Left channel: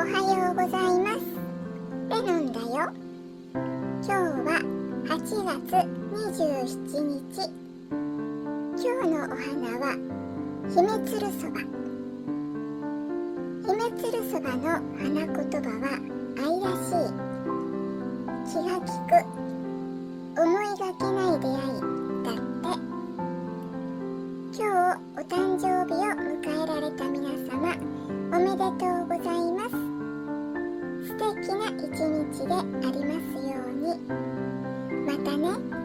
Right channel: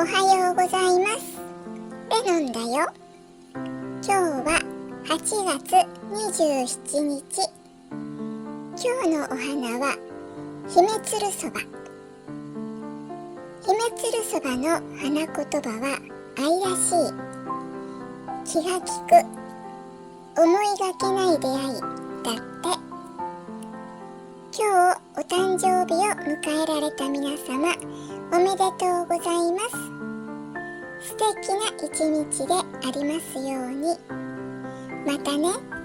おはようございます。レノンだよ。今日は8月27日。今日のお花はヒメツルソバ。ヒメツルソバの花言葉は愛らしい、気が利く、思いがけない出会いだって。今日お誕生日を迎えられた皆様、おめでとうございます。素敵な一日でありますように。またね。